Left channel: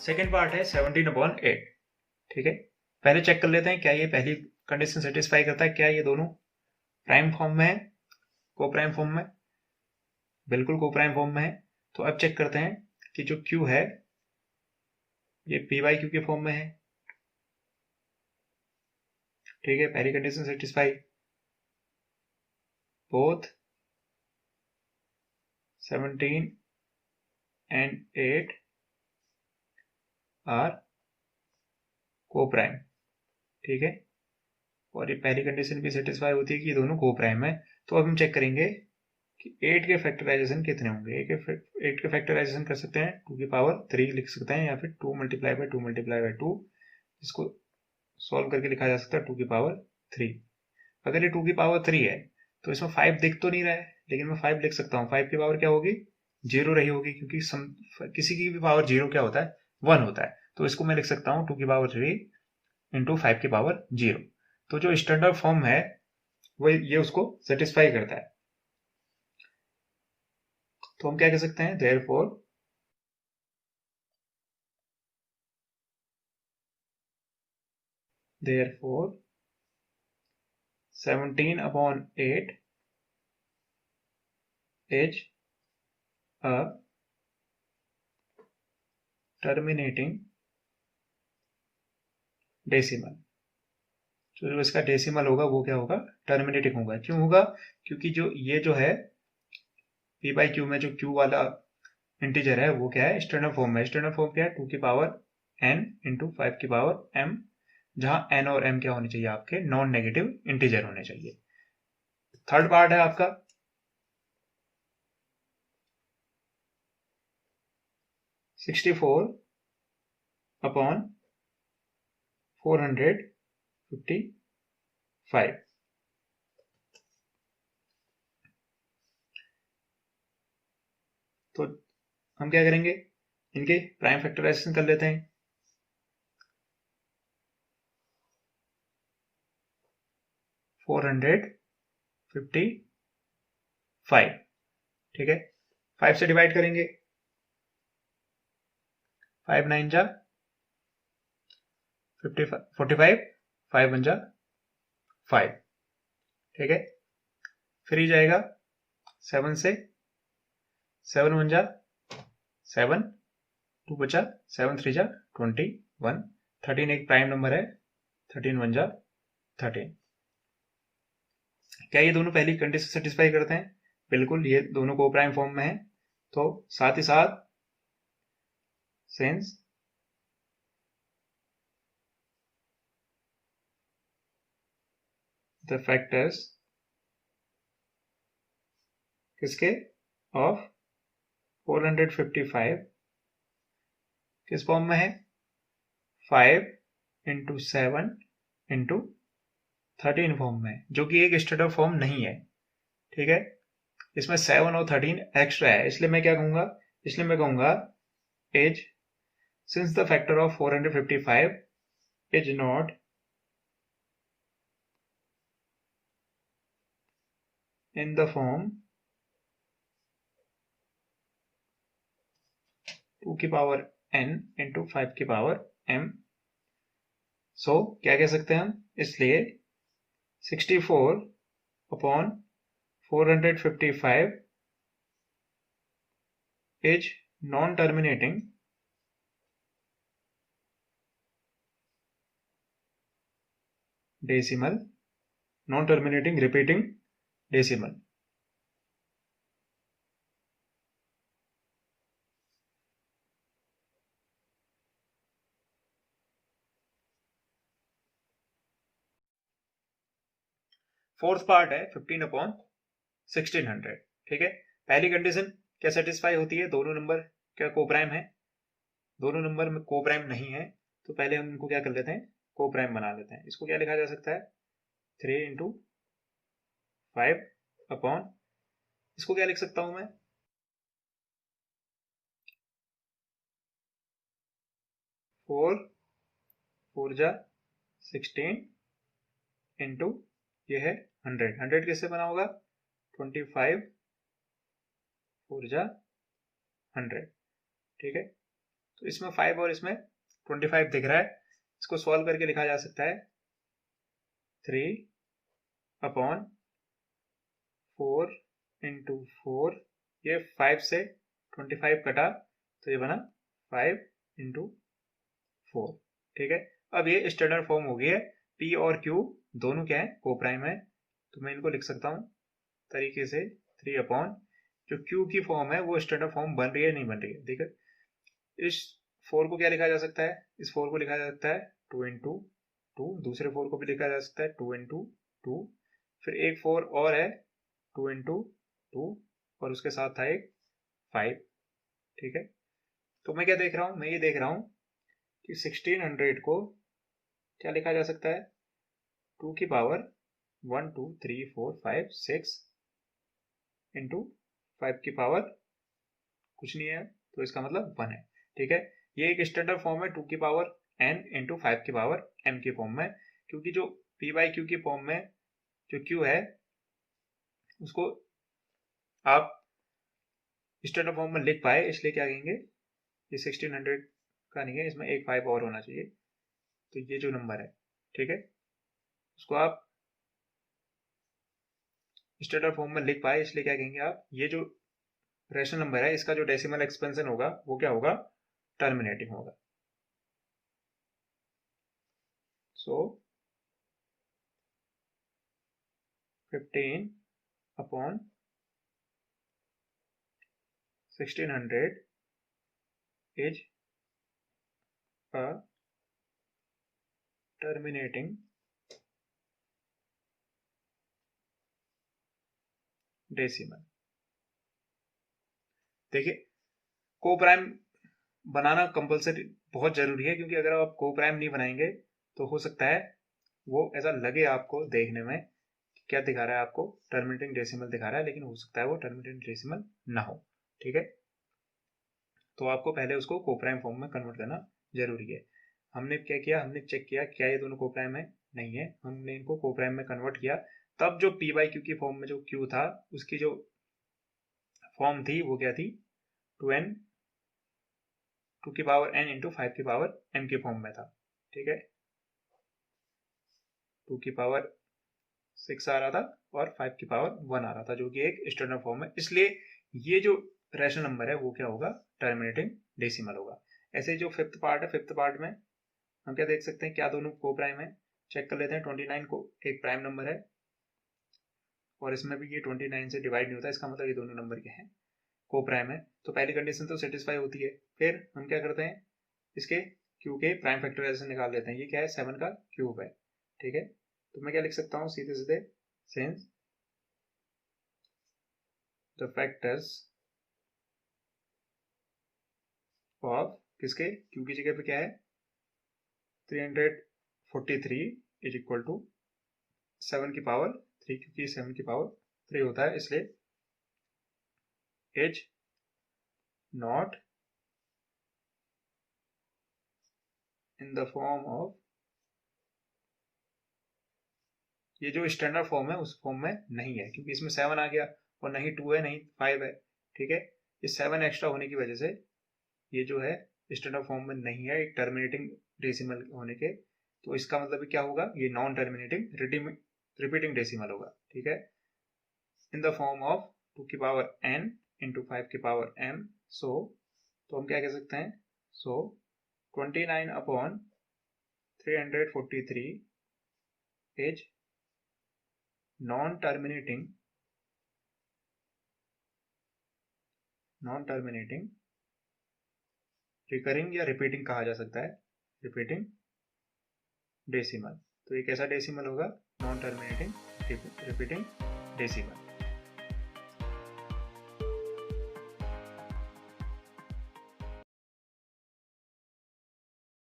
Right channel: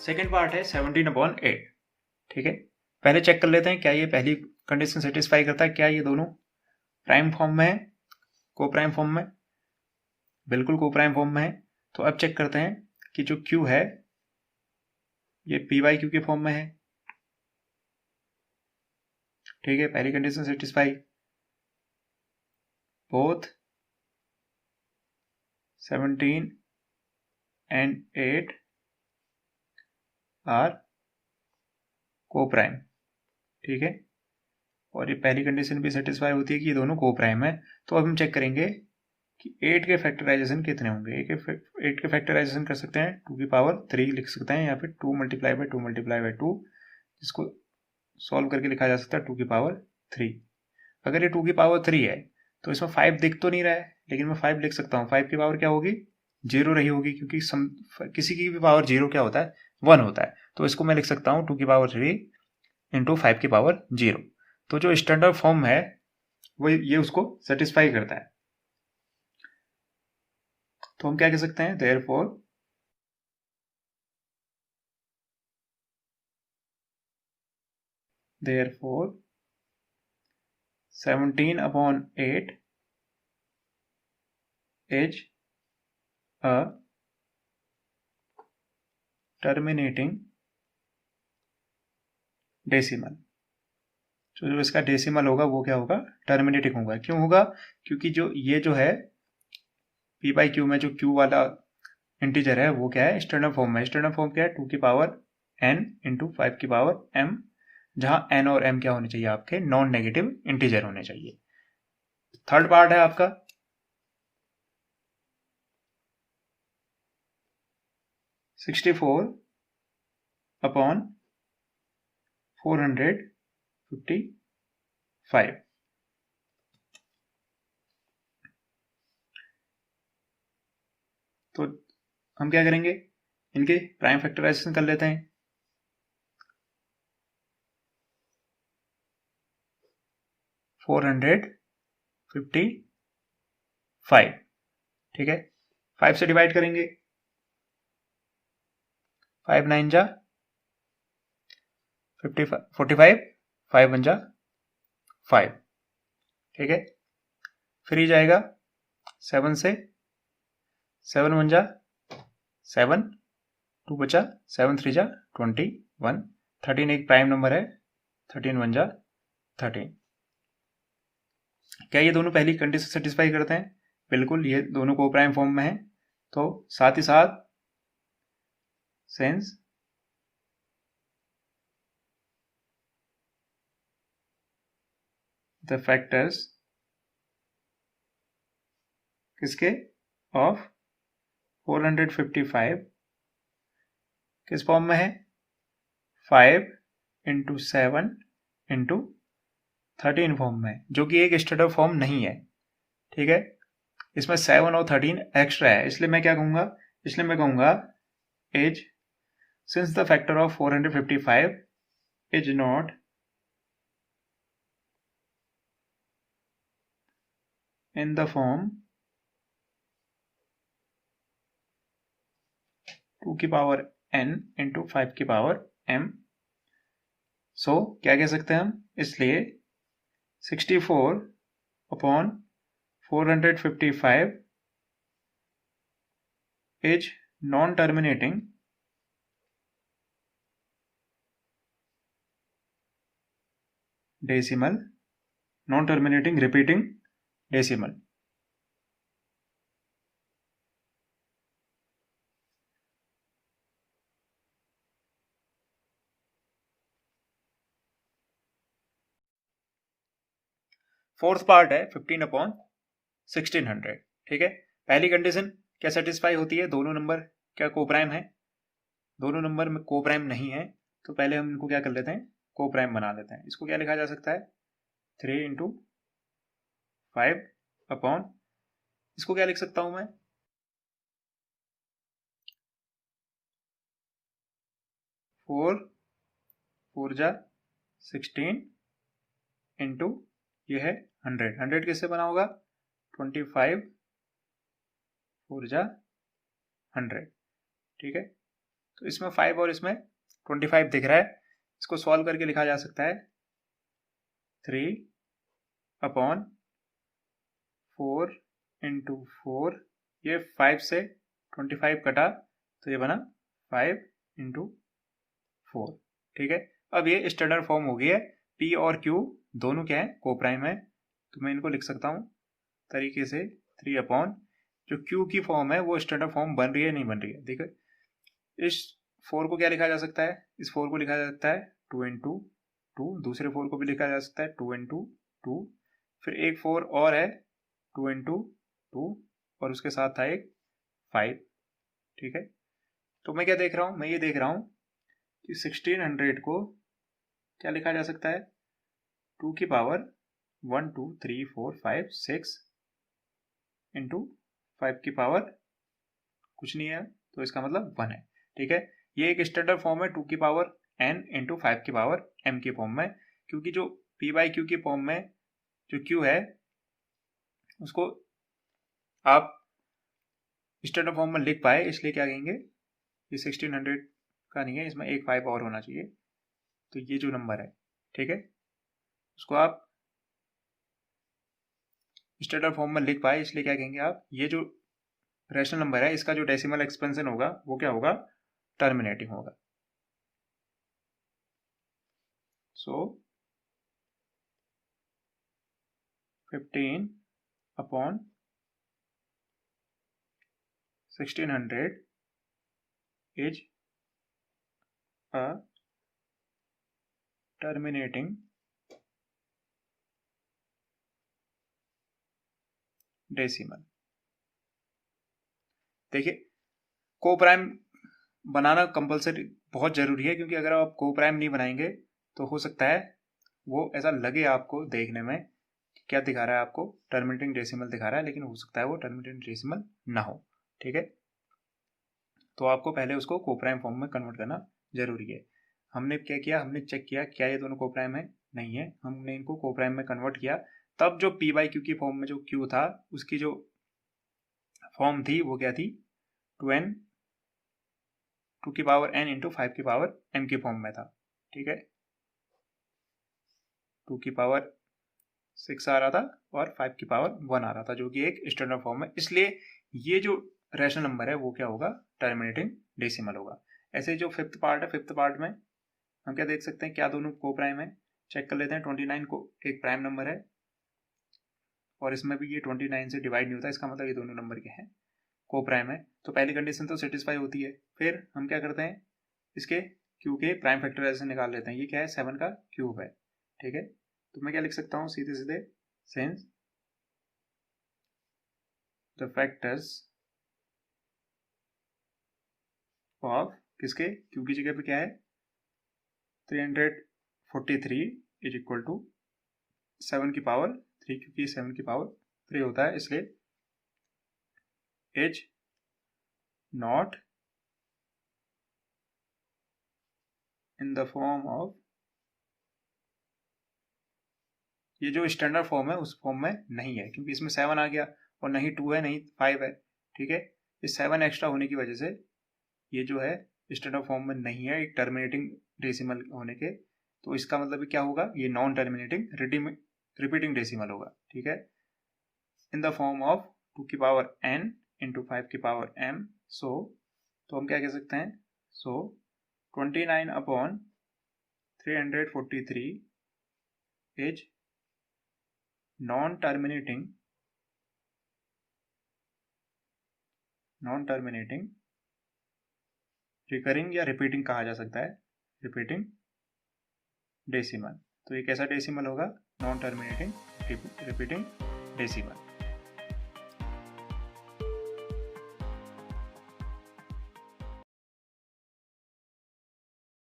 Second part है 17/8। ठीक है, पहले चेक कर लेते हैं क्या ये पहली कंडीशन सेटिस्फाई करता है, क्या ये दोनों प्राइम फॉर्म में है, को प्राइम फॉर्म में, बिल्कुल को प्राइम फॉर्म में है। तो अब चेक करते हैं कि जो Q है ये P/Q के फॉर्म में है। ठीक है, पहली condition satisfy, both 17 and 8 are coprime. ठीक है, और ये पहली कंडीशन भी सेटिस्फाई होती है कि ये दोनों को प्राइम है। तो अब हम चेक करेंगे कि 8 के फैक्टराइजेशन कितने होंगे। 8 के फैक्टराइजेशन कर सकते हैं 2 की पावर 3 लिख सकते हैं, या फिर 2 मल्टीप्लाई बाई 2 मल्टीप्लाई बाई 2, जिसको सॉल्व करके लिखा जा सकता है 2 की पावर 3। अगर ये 2 की पावर 3 है तो इसमें 5 दिख तो नहीं रहा है, लेकिन मैं 5 लिख सकता हूँ। 5 की पावर क्या होगी, 0 रही होगी, क्योंकि किसी की भी पावर 0 क्या होता है, 1 होता है। तो इसको मैं लिख सकता हूँ 2 की पावर 3 इंटू 5 की पावर 0। तो जो स्टैंडर्ड फॉर्म है वो ये उसको सेटिस्फाई करता है। तो हम क्या कह सकते हैं, therefore 17/8 is a terminating decimal. तो जो इसका डेसिमल होगा वो क्या होगा, टर्मिनेटिंग होगा। क्यों होगा, क्योंकि जो ये जो है P/Q में जो Q वाला इंटीजर है वो क्या है, स्टैंडर्ड फॉर्म में। स्टैंडर्ड फॉर्म क्या है, 2 की पावर n इंटू 5 की पावर m, जहां n और m क्या होने चाहिए, आपके नॉन नेगेटिव इंटीजर होने चाहिए। थर्ड पार्ट है आपका 64/455। तो हम क्या करेंगे, इनके प्राइम फैक्टराइजेशन कर लेते हैं। 455, ठीक है, 5 से डिवाइड करेंगे, 5 9 जा 45, 5 1 जा 5। ठीक है, फिर ही जाएगा 7 से, 7 1 जा 7, 2 बचा, 7 3 जा 21, 13 एक प्राइम नंबर है, 13 1 जा 13। क्या ये दोनों पहली कंडीशन सेटिस्फाई करते हैं, बिल्कुल, ये दोनों को प्राइम फॉर्म में है। तो साथ ही साथ सिंस द फैक्टर्स किसके, ऑफ 455 किस फॉर्म में है, 5 इंटू 7 इंटू 13 फॉर्म में, जो कि एक स्टैंडर्ड फॉर्म नहीं है। ठीक है, इसमें 7 और 13 एक्स्ट्रा है, इसलिए मैं क्या कहूंगा, इसलिए मैं कहूंगा as since the factor of 455 is not in the form 2 की पावर n इंटू 5 की पावर m। सो क्या कह सकते हैं हम, इसलिए 64/455 is non terminating decimal, non terminating repeating decimal. Fourth part है 15/1600। ठीक है, पहली कंडीशन क्या सेटिस्फाई होती है, दोनों नंबर क्या को प्राइम है, दोनों नंबर में को प्राइम नहीं है। तो पहले हम इनको क्या कर लेते हैं, को प्राइम बना लेते हैं। इसको क्या लिखा जा सकता है, 3 इंटू 5 अपॉन, इसको क्या लिख सकता हूं मैं, 4 4 जा 16 इंटू ये है 100। 100 किससे बना होगा, 25 4 जा 100। ठीक है, तो इसमें 5 और इसमें 25 दिख रहा है, इसको सॉल्व करके लिखा जा सकता है 3/4 इंटू 4, ये 5 से 25 कटा तो ये बना 5 इंटू 4। ठीक है, अब ये स्टैंडर्ड फॉर्म हो गई है। P और Q दोनों क्या है, कोप्राइम है, तो मैं इनको लिख सकता हूँ तरीके से 3 जो Q की फॉर्म है वो स्टैंडर्ड फॉर्म बन रही है नहीं बन रही है। देखो इस 4 को क्या लिखा जा सकता है, इस 4 को लिखा जा सकता है 2 इंटू 2, दूसरे 4 को भी लिखा जा सकता है 2 इंटू 2, फिर एक 4 और है 2 इंटू 2 और उसके साथ था एक 5। ठीक है, तो मैं क्या देख रहा हूँ, मैं ये देख रहा हूँ कि 1600 को क्या लिखा जा सकता है, 2 की पावर 1 2 3 4 5 6 इंटू 5 की पावर कुछ नहीं है, तो इसका मतलब 1 है। ठीक है, ये एक स्टैंडर्ड फॉर्म है 2 की पावर n इंटू 5 की पावर m की फॉर्म में, क्योंकि जो p बाई क्यू की फॉर्म में जो q है उसको आप स्टैंडर्ड फॉर्म में लिख पाए, इसलिए क्या कहेंगे, ये 1600 का नहीं है, इसमें एक 5 और होना चाहिए। तो ये जो नंबर है, ठीक है, उसको आप स्टैंडर्ड फॉर्म में लिख पाए, इसलिए क्या कहेंगे आप, ये जो रैशनल नंबर है इसका जो डेसिमल एक्सपेंशन होगा वो क्या होगा, टर्मिनेटिंग होगा। सो 15/1600 is a terminating डेसिमल। देखिए को प्राइम बनाना कंपलसरी बहुत जरूरी है, क्योंकि अगर आप को प्राइम नहीं बनाएंगे तो हो सकता है वो ऐसा लगे आपको देखने में क्या दिखा रहा है, आपको टर्मिनेटिंग डेसिमल दिखा रहा है, लेकिन हो सकता है वो टर्मिनेटिंग डेसिमल ना हो। ठीक है, तो आपको पहले उसको को प्राइम फॉर्म में कन्वर्ट करना जरूरी है। हमने क्या किया, हमने चेक किया क्या ये दोनों को प्राइम है, नहीं है, हमने इनको को प्राइम में कन्वर्ट किया, तब जो p बाई क्यू की फॉर्म में जो q था उसकी जो फॉर्म थी वो क्या थी, 2 की पावर n इंटू 5 की पावर m की फॉर्म में था। ठीक है, 2 की पावर 6 आ रहा था और 5 की पावर 1 आ रहा था, जो कि एक स्टैंडर्ड फॉर्म है, इसलिए ये जो रैशनल नंबर है वो क्या होगा, टर्मिनेटिंग डेसिमल होगा। ऐसे जो फिफ्थ पार्ट है, फिफ्थ पार्ट में हम क्या देख सकते हैं, क्या दोनों को प्राइम है, चेक कर लेते हैं। 29 को एक प्राइम नंबर है और इसमें भी ये 29 से डिवाइड नहीं होता, इसका मतलब ये दोनों नंबर के हैं, को प्राइम है, तो पहली कंडीशन तो सेटिस्फाई होती है। फिर हम क्या करते हैं, इसके क्यू के प्राइम फैक्टराइजेशन निकाल लेते हैं, ये क्या है, 7 का क्यूब है। ठीक है, तो मैं क्या लिख सकता हूँ सीधे सीधे, सिंस द फैक्टर्स ऑफ किसके, क्यू की जगह पे क्या है 343 इज इक्वल टू 7 की पावर 3, क्योंकि 7 की पावर 3 होता है, इसलिए is not in the form of, ये जो स्टैंडर्ड फॉर्म है उस फॉर्म में नहीं है, क्योंकि इसमें 7 आ गया और नहीं 2 है नहीं 5 है। ठीक है, ये 7 एक्स्ट्रा होने की वजह से ये जो है स्टैंडर्ड फॉर्म में नहीं है, एक टर्मिनेटिंग डेसिमल होने के, तो इसका मतलब क्या होगा, ये नॉन टर्मिनेटिंग रिपीटिंग डेसिमल होगा। ठीक है, इन द फॉर्म ऑफ 2 की पावर n इंटू 5 की पावर m। सो तो हम क्या कह सकते हैं, सो 29/343 इज नॉन टर्मिनेटिंग रिकरिंग या रिपीटिंग कहा जा सकता है, रिपीटिंग डेसिमल। तो एक ऐसा डेसिमल होगा नॉन टर्मिनेटिंग रिपीटिंग डेसिमल।